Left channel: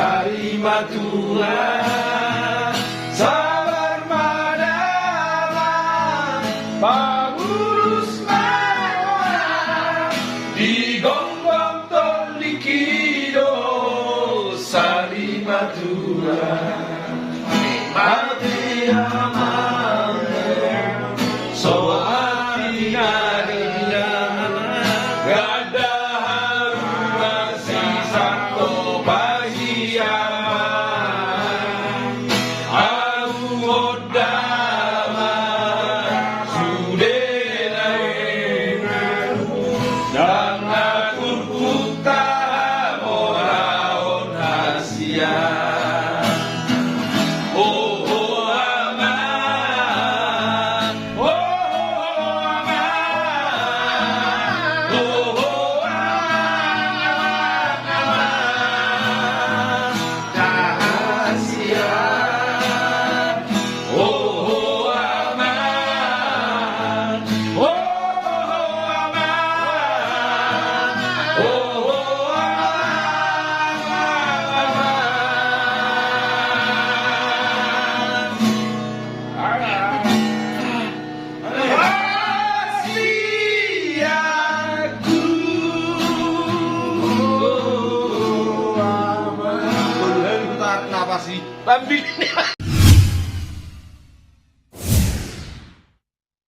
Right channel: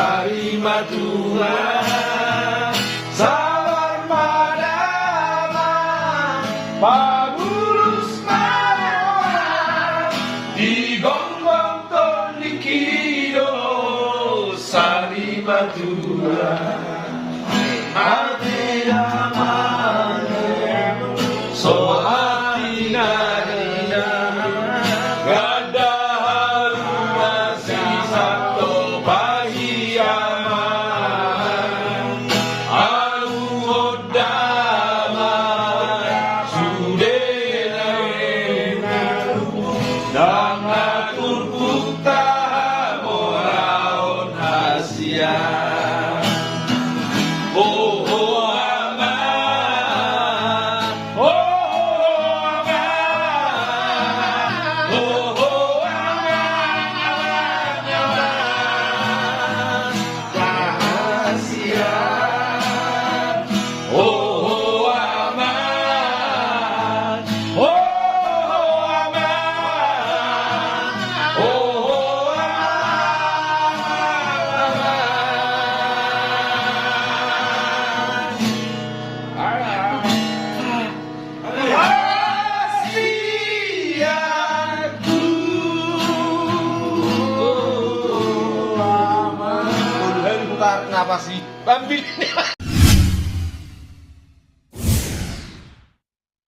Sarima Tuhan, sabar madama, pagurus mawa, digonggong tolikido, Sarima Tuhan, mati aman, sohati nagana, gada harum masih satu pahiyaman, aku odaman, sudah enaku, dan aku puta moraon Asia. Oh, oh, aman. Oh, oh, aman. Oh, oh, aman. Rahasia. Oh, oh, aman. Oh, oh, aman. Oh, oh, Kenapa sih? Bambi.